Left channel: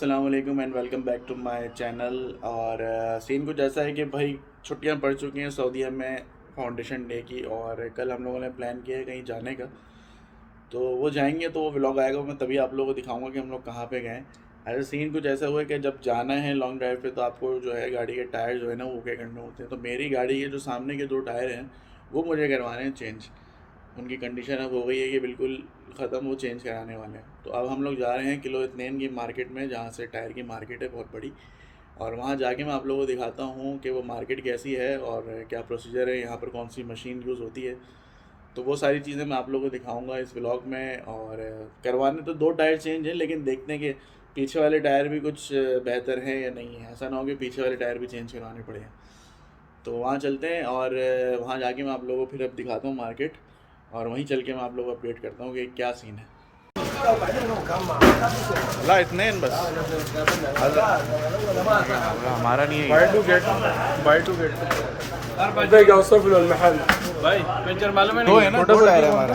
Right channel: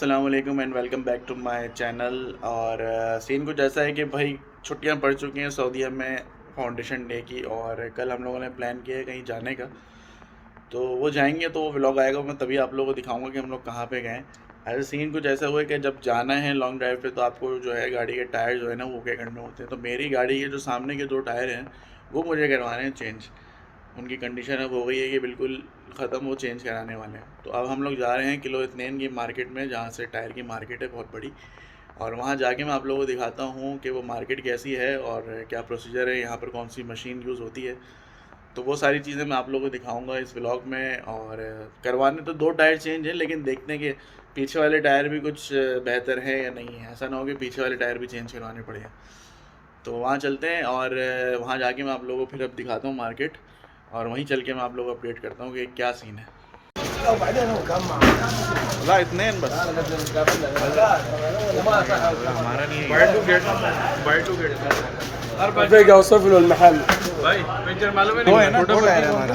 अस्सलाम वालेकुम and welcome back to my channel. और सीन कुछ ऐसा है कि भाई छुट्टियां पड़ चुकी हैं सऊदीया में फाउंडेशन डे की, और कल हम लोगों ने प्लान किया है कहीं जाने का। तो वो जाएंगे तो वो व्लॉग आएगा, मैं तभी आप लोगों को दिखाऊंगा कि हम लोग कहाँ पे गए। ऐसे सीन कुछ ऐसा हुआ है कि जब जाना है लॉन्ग ड्राइव पे तो आपको जो है गाड़ी के टायर जो है ना वो क्या करने होते हैं। तो मेरी गाड़ी के जो सामने के दो टायर हैं वो मुझे करवाने हैं चेंज। उनकी कंडीशन अब हो गई है कि बिल्कुल ख़त्म, वो चेंज कराने वाले हैं। तो अब हम लोग जा रहे हैं किलो इत्नेन की मार्केट में, जहाँ से टायर की मार्केट है बहुत बड़ी। और वहाँ जाके मैं आप लोगों को दिखाता हूँ कि वो मार्केट कैसी है और क्या प्रोसीजर है, यहाँ पर कौन सी मशीन यूज़ होती है। तो वो सारी चीज़ें मैं आप लोगों को दिखाऊंगा इस व्लॉग में। और करवाने तो दो टायर चेंज हैं, लेकिन देखते हैं कि पीछे वाले टायर भी कुछ बेहतर है या नहीं है। ऐसा ना हो कि पीछे वाले टायर भी चेंज करवाने पड़े हैं। तो वहाँ चलते हैं और वहाँ जाके मैं आप लोगों को फिर अब दिखाता हूँ मार्केट, और वहीं चल के मैं आप लोगों को अपडेट करता हूँ कि क्या सीन है। अल्लाह इतने बस हमारा नहीं है। दो है ना, दो टायर है हमारा।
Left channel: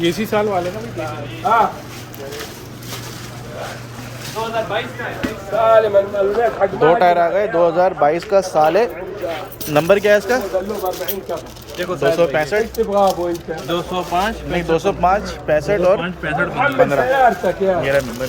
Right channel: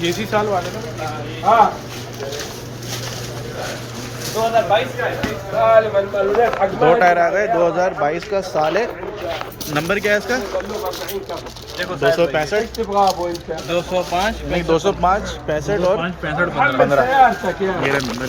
ये इसी साल वाले ना हाँ दो टायर आ गए, 2022 का साल है। नंबर क्या है इसका? 265 205 नहीं 205 65 और 15 ये रहा नंबर।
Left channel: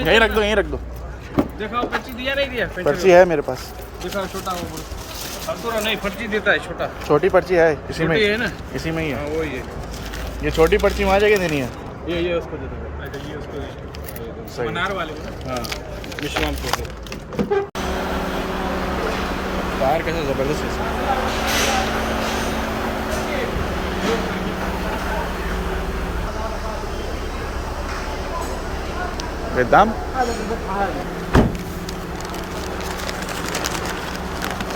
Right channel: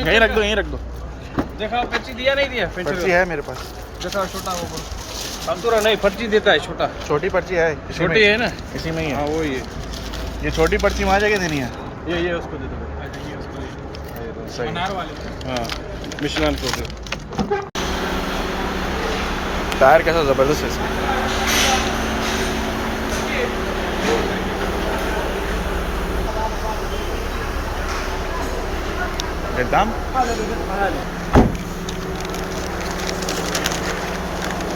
यहीं रख दो, यहीं रख दो। देखा पर्ची दिया नहीं दिया पर्ची है मेरे पास। देखा छोटा वो अब तो नहीं पर्ची देता है छोटा छोटी पर्ची है, छोटी है ना इसी में ही है। वो ये छोटी पर्ची वहाँ जाके देनी है। ये उसको दे दो ये उसको सही। मनार वाले हाँ, मिशलान को टायर कैसा ज़बरदस्त है इसका। दाम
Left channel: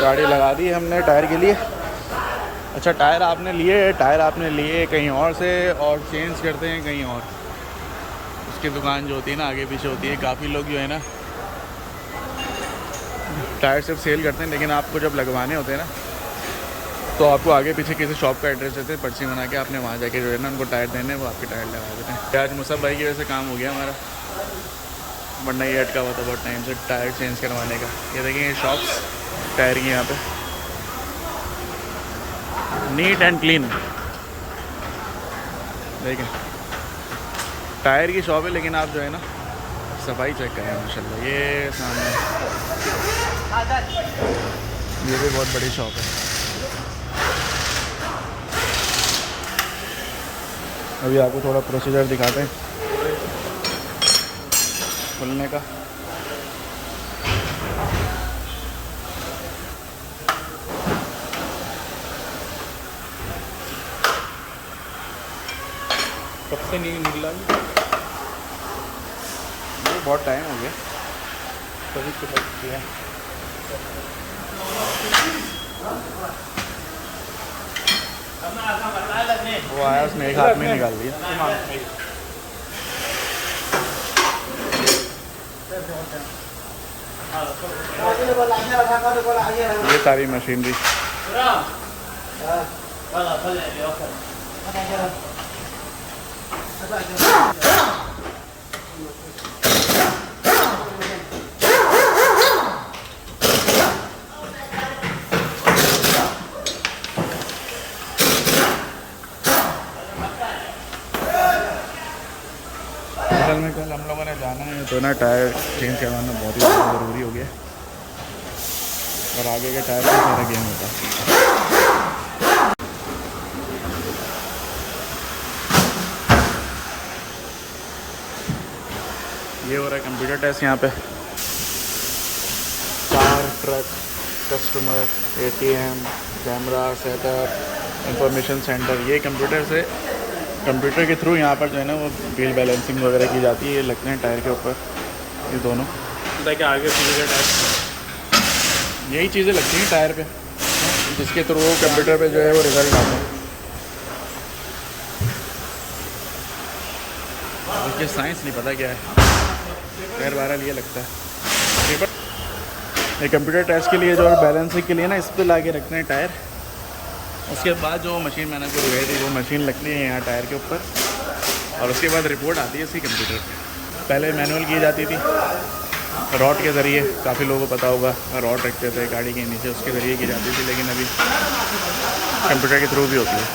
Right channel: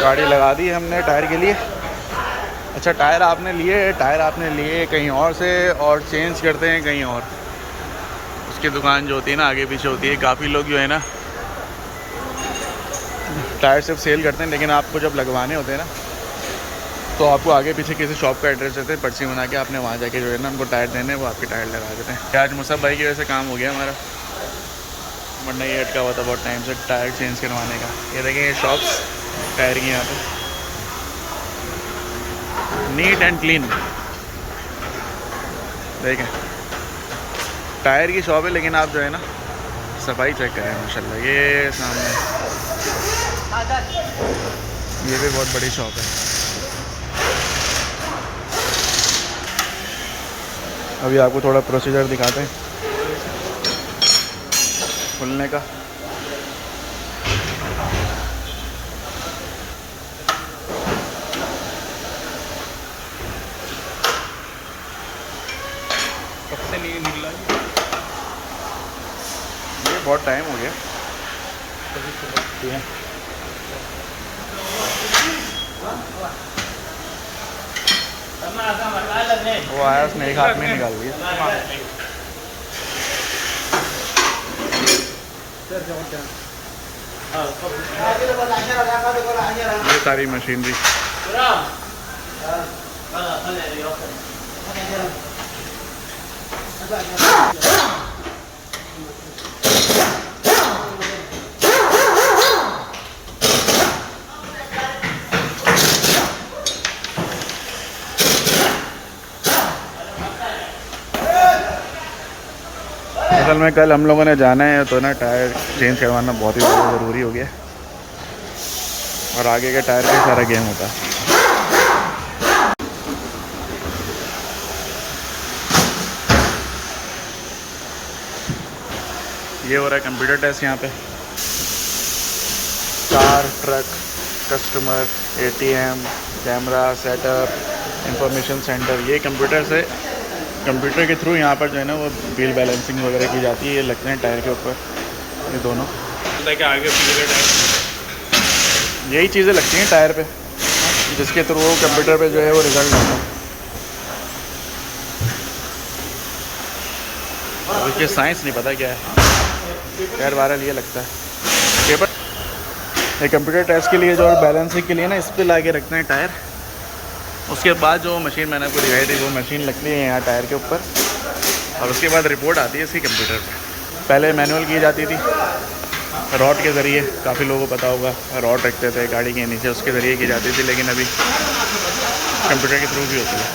गाड़ी लगा दी हमने टायर के लिए। अच्छा टायर आपने लिए कहीं और से और चेंज करते हैं कहीं और। उसकी दुकान जो होती है ना आगे पीछे होती है। काफ़ी लोग जो है ना टायर सिर्फ सेल करते हैं, लेकिन आपको जब लगवाने होते हैं ना तो आपको आगे पीछे किसी शॉप का एड्रेस देते हैं, पर्ची बना के आपने वहाँ जाके जो है ना उनको टायर देने, वो आपके टायर लगा देते हैं। आज मुसब भाई की वजह से काम हो गया हमारा, वरना ये अटका हुआ था बहुत टाइम से टायर चेंज करवाने का। ये देखें ये शॉप्स टायर की यहाँ पे नीट एंड क्लीन। देखें टायर की शॉप है, लेकिन आप जो है ना सफाई चेक करें माशाल्लाह। ये सामने ये भी बहुत बड़ी शॉप है। अभी आपको थोड़ा प्रोसीजर दिखाते हैं खुलने का। कब से नहीं निकला ये बहुत टाइम हो गया। वो आया उसने एक हाथ में निकाल दिया। ये सारी मशीनरी असल में कल हम लोगों ने जाना है तो ना टायर चेंज करवाना बहुत ही ज़्यादा ज़रूरी हो गया, और आगे के टायर का ही सारा गेम होता है। ये हो रहा है कंप्यूटर टेस्ट यहाँ पे। Car, truck, customer, ATM, camera setup, information centre, ये कंप्यूटर के थ्रू यहाँ पर जो है ना वो व्हील बैलेंसिंग वगैरह की जाती है। ये लगते हैं टायर के ऊपर ये दोनों, यही चीज़ें लगती हैं टायर पे, जिसके थ्रू कंप्यूटर पे जो है वो रिज़ल्ट आता है। अब इसके साइंस नहीं पता क्या है, खैर बहरहाल ये लगता है पेपर। ये कंप्यूटर टेस्ट के लिए जो बैलेंसिंग के लिए ना इस पर ला के रखते हैं टायर। उसके बाद जो मशीन मैंने आपको दिखाई थी वो मशीन लगती है यहाँ टायर के ऊपर, और उसके बाद रिपोर्ट आती है इसकी कंप्यूटर पे। पहले मैनुअल की जाती थी रॉड के ज़रिए, काफ़ी लोगों को पता होगा, रॉड रखते थे गाड़ी के नीचे, उसके ज़रिए की जाती थी, लेकिन अभी कंप्यूटर के थ्रू भी होती है।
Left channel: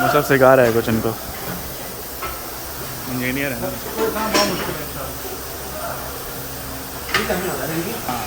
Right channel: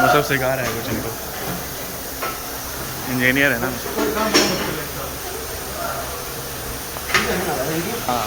मुझसे सिखा रहा है कुछ इनको, इंजीनियर है ना। हाँ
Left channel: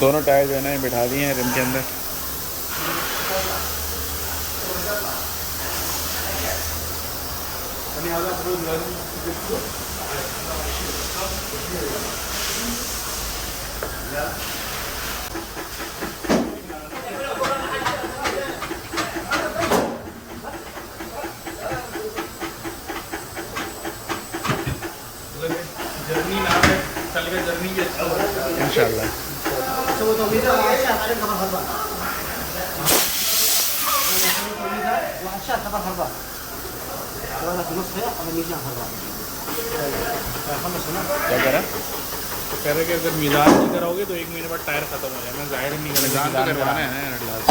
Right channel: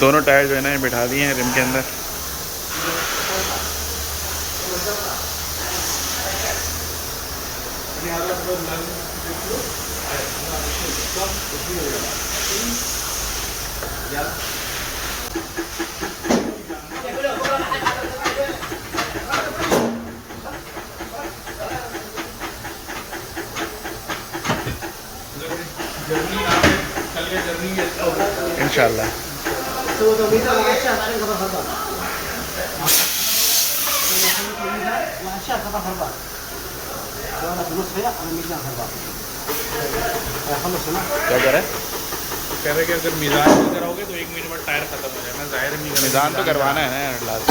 दोनों टायर जो है ना बिठा दिए हैं रिम के अंदर। इंशाल्लाह क्या कह रहा है? कह रहे कि अगर मीज़ान नहीं कराओगे तो 1 महीने बाद टायर खत्म हो जाएगा। ज़ाहिर नहीं, मीज़ान तो करवाना है ना यार, लास्ट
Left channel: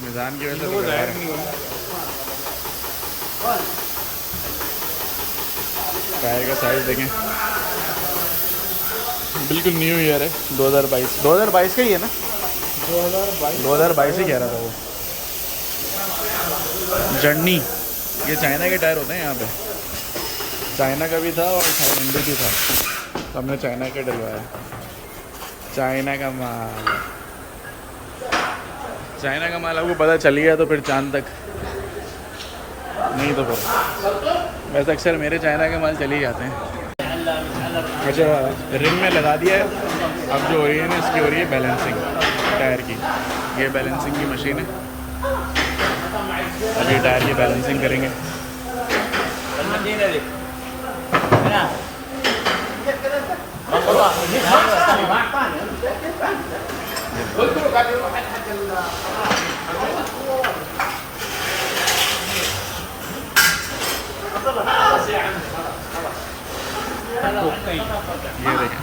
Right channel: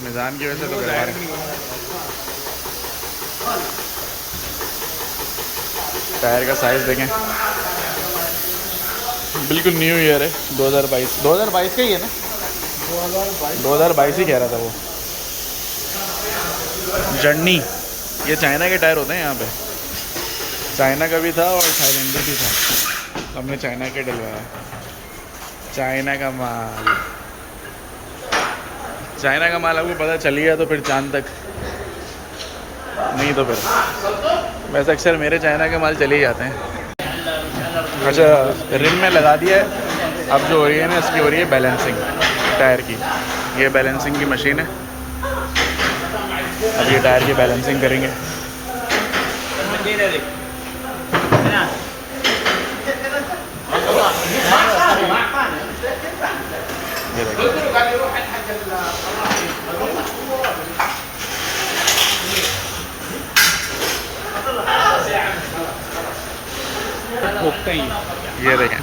मीज़ान की वजह से तो करवा रहे हैं। टायर का साइज़ देखें, बिल्कुल न्यू ईयर है 2022 का ही है ना, 2022 ही कह रहा था वो। जर्नी, ये चाइना के टायर होते हैं यहाँ पे, चाइना का भी था और थाईलैंड भी था, तो हमने चाइना के डलवाया। चाइना का माल, चाइना का माल आपको पता चल गया तो फिर चांद तक, नहीं तो फिर वैसे अक्सर मेरे चाइना के माल चले ही जाते हैं। अच्छा, रिम में लगा दिया है, अब जो हो रही है ना इसकी हो रही है बैलेंसिंग टायर की। ये बैलेंसिंग की मशीन है, अब ये टायर की बैलेंसिंग करेंगे। ये देखें,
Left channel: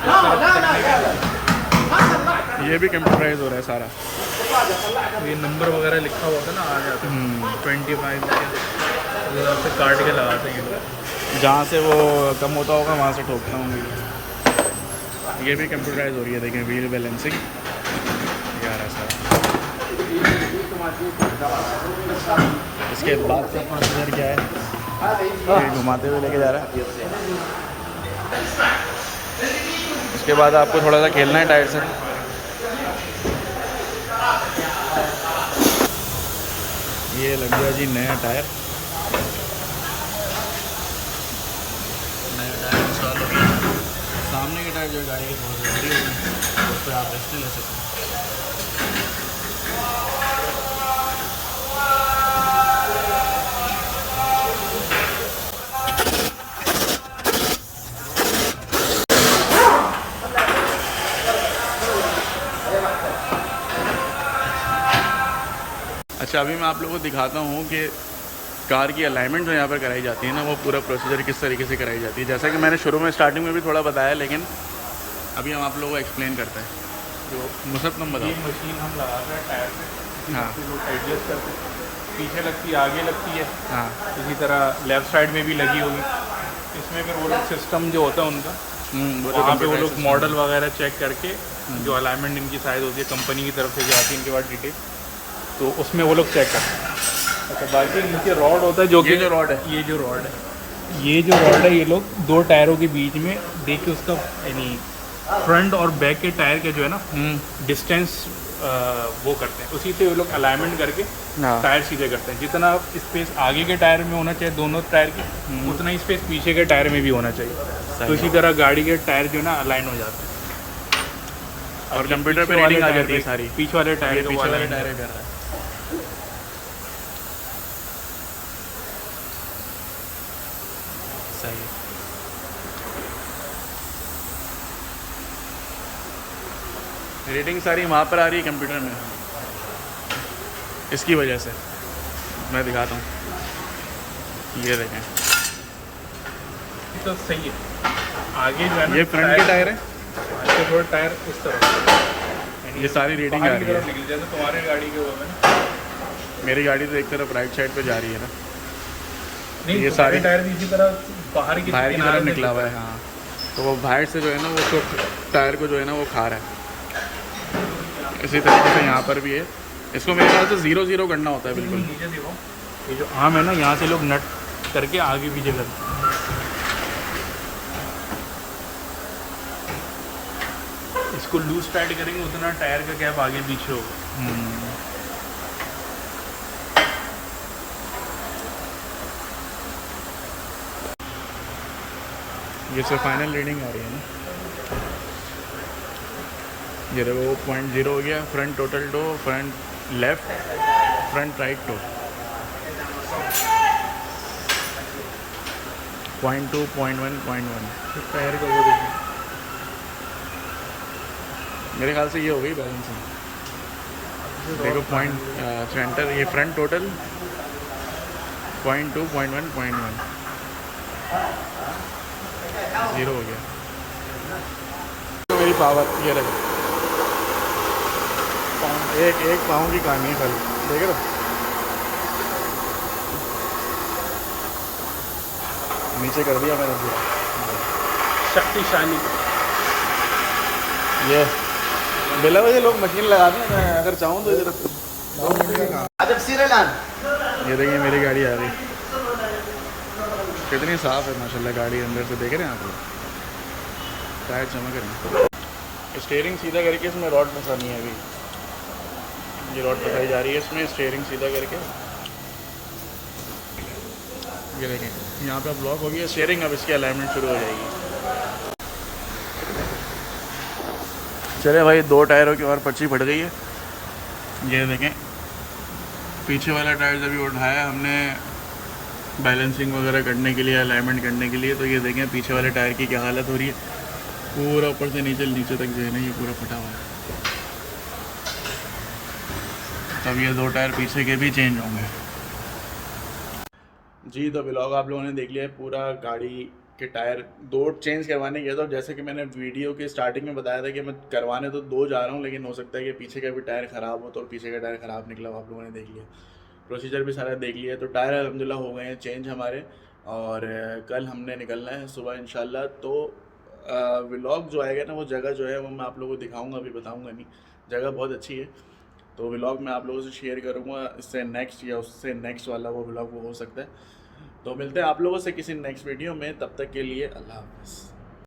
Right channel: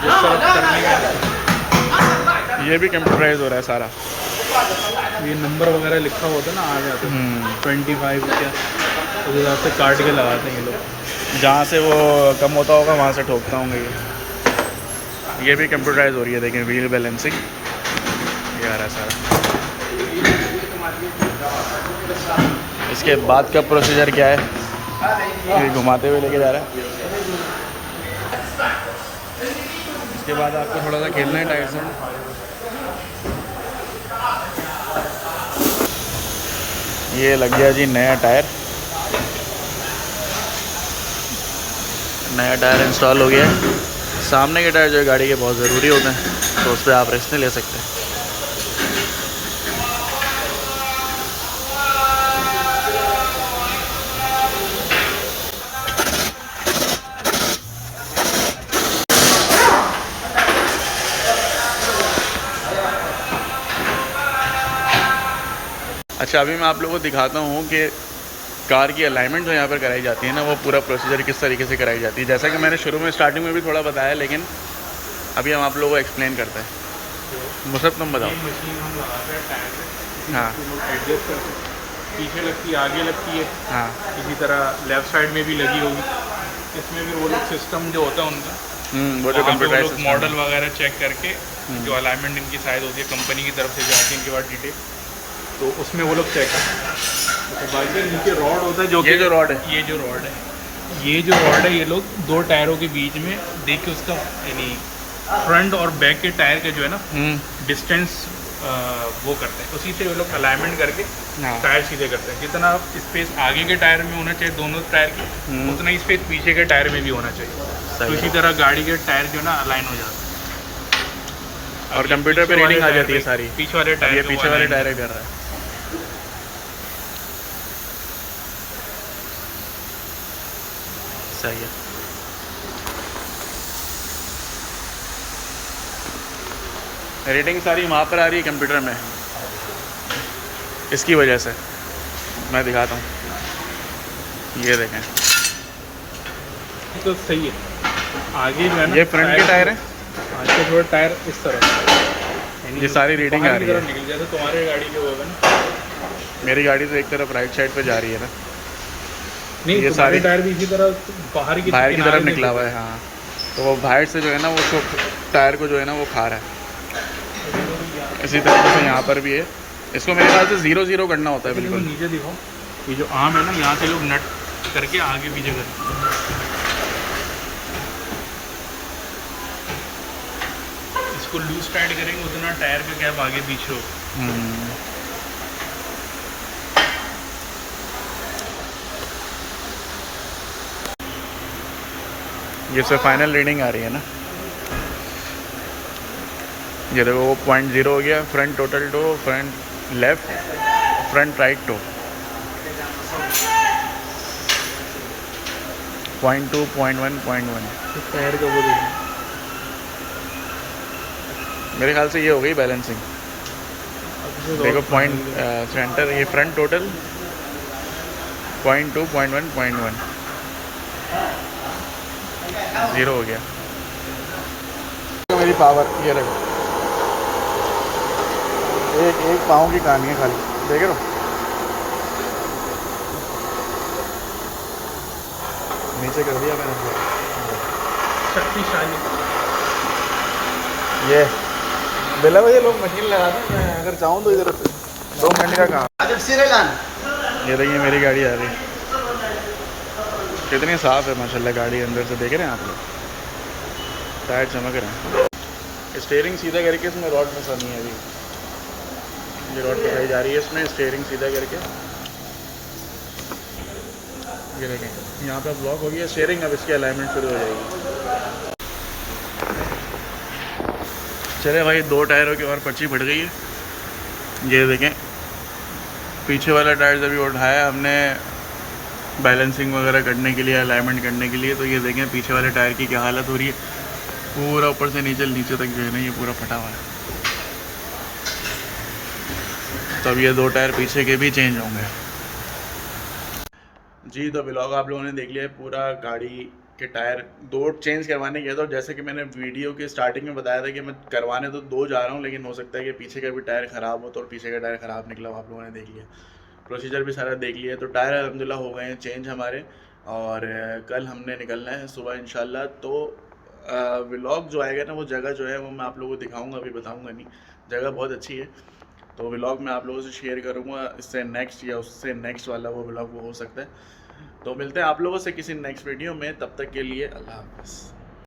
ये भी कंप्यूटराइज हो रहा है सारा। ये नंबर वगैरह लिखा होता है ना, आ जाता है 25 रुपया, तो हिसाब से काट के लगाते हैं लोग। जहाँ से वो कम होता होगा वहाँ से ठोकता होंगे ये भी कंप्यूटराइज हो रही है। देखें व्हील बैलेंसिंग ये आ रहा है सारा। इसके बाद का प्रोसीजर क्या है, ये घुमाते हुए लेके जा रहा है। उसके बाद आपको थोड़ा सा खेलना है टायर से। ये लग गया जी नया टायर, नया टायर इंस्टॉल हो गया। सामने के टायर जो है गाड़ी के बहुत ज़रूरी होते हैं, तो उस पर आप रेस्ट नहीं ले सकते। अच्छा, अभी मैं आप लोगों को दिखाता हूँ कि कार की अलाइनमेंट जो यहाँ पर कराई जाती है ना, वो पूरा प्रोसीजर किस तरीके से कराई जाती है। जैसा कि मैंने शुरू में स्टार्टिंग में भी थोड़ा बताया, लेकिन अभी हम आप लोगों को एक्सप्लेन करते हैं। मुसब तुम बताओ। मशीन हम लगाते हैं टायर से, हाँ, एडजस्ट करते हैं, पीछे लगती है, आगे लगती है। हाँ, इसी तरह लेफ़्ट साइड में भी लगी होगी। इसमें फिर वो लोग सिस्टम जो होता है उनका, वो जो कंप्यूटराइज मॉडल वगैरह चेक करके जो अलाइनमेंट इनकी साइज होती है कंपनी की तरफ से जो आती है इनके बाद डिटेल, तो उसमें वो लोग चेक करते हैं। तो बाकी नीचे रॉड होता है, जो ये जो रॉड है, ये जो रॉड है ये लोग 2 टायरों के बीच में देख के उसका यानी फ्रंट और बैक के टायर का जो है ना डिस्टेंस वो करते हैं। उसी से वो लोग अलाइनमेंट करके टायर सीधे करते हैं। जितना स्पेस आगे के टायर में होना चाहिए दोनों टायर के, उतना ही स्पेस पीछे के टायर में भी होना चाहिए। तो इसी तरह गाड़ी के टायर जो है ना अलाइन हो जाते हैं, और कंप्यूटर पे रीडिंग आ जाती है सारी। पीछे वाले टायर, ये पीछे वाले टायर कर रहा है। सही है। रीडिंग सारी वहाँ पर आ रही है कंप्यूटर में, इसकी वजह से। मैं दिखाता हूँ, ये देखें, तो सही है। आगे जो है ना, ये फ्रंट के टायर हैं, आगे थोड़ा टायर इस तरह, ये सारी रीडिंग आ रही है। जैसे तुम्हारे गाड़ी के होगा ना, मेरी गाड़ी तो एक तरफ राइट साइड पे जा रही है ना, नहीं ये सारी टायर भी इसी तरह बाहर की तरफ निकला हुआ है। हाँ, तो वो बाहर से जो है ना वो उसको टायर को जो है ना वो खा रहा है। इसी तरीके से यहाँ पर भी है, इसको मेरे ख्याल से 0-0 करना होता है बिल्कुल। नीचे देखो, ये जो आम है ना, यहाँ से लोग नट करके आगे पीछे करते हैं। इसको लूज टाइट करेंगे उतना टायर का गैप आगे पीछे होगा। ये से फाइनल रीडिंग आ रही है ना, ये देखो वो 0.0 हो गया। Front total toe, front left, front right toe 0.2, 0.1, 0.1। तो टायर का वो देखो, मेरे ख्याल से ये हो गई बैलेंसिंग। देखो पॉइंट सेंटर, ये फ्रंट टोटल 0.2, 0.1, 0.1, 0 हो गया। तो मेरी पावर ये देखो, एक पाँव की कहानी है खाली, देख रहे हो। नीचे कर दिया मैंने पूरा शक्तिशाली। ये बिला वजह लोग मशीन लगाते हैं, मैं अगर चाहूँ तो इधर 2 मिनट का काम। ये देखिए मेरी गाड़ी आ रही, कितनी साफ़ है माशाल्लाह गाड़ी अंदर से, देख रहे हैं आप लोग, टायर चमक रहे हैं। स्टीयरिंग सीधा करके इसमें रॉड फंसानी है अभी, ये रॉड फंसाई जा रही है इसमें, स्टीयरिंग सीधा करके। ये देखें यहाँ पे ब्लॉक हो गया स्टीयरिंग, अब इसकी अलाइनमेंट शुरू हो जाएगी। चले भाई, 2 टायरों की और पर्ची फट गई है। ये देखें पीछे वाला टायर जब भी उठाया हमने बैलेंसिंग वगैरह करने के लिए, अलाइनमेंट करने के लिए, तो ये देखें पीछे वाले टायर की क्या हालत हो रही है, पूरा ऊपर से नीचे तक जो है ना ये पूरा फटा हुआ है। तब ये 2 टायर पीछे के भी चेंज होंगे। जी, तो व्लॉग आप लोगों ने देख लिया है पूरा। गाड़ी के टायर 2 चेंज करवाने गया था, जैसे कि मैंने वीडियो के स्टार्टिंग में बताया था कि मैं करवाने तो 2 जा रहा हूँ, लेकिन हो सकता है कि पीछे का भी टायर ख़राब हो, तो पीछे का टायर ख़राब निकला हो। आप लोगों ने देख लिया, प्रोसीजर भी सारा देख लिया। तो टायर अल्हम्दुलिल्लाह हो गए हैं चेंज हमारे, और कल हमने निकलना है सुबह इंशाल्लाह। तो व्लॉग जो आएगा ना, वो जगह जो है वो मैं आप लोगों को दिखाऊंगा, अभी बताऊंगा नहीं। जगह बहुत अच्छी है, तो व्लॉग मैं आप लोगों से शेयर करूंगा। इससे नेक्स्ट या उससे नेक्स्ट वाला वो व्लॉग वो हो सकता है। तो मिलते हैं आप लोगों से किसी नेक्स्ट वीडियो में, तब तक के लिए अल्लाह हाफ़िज़।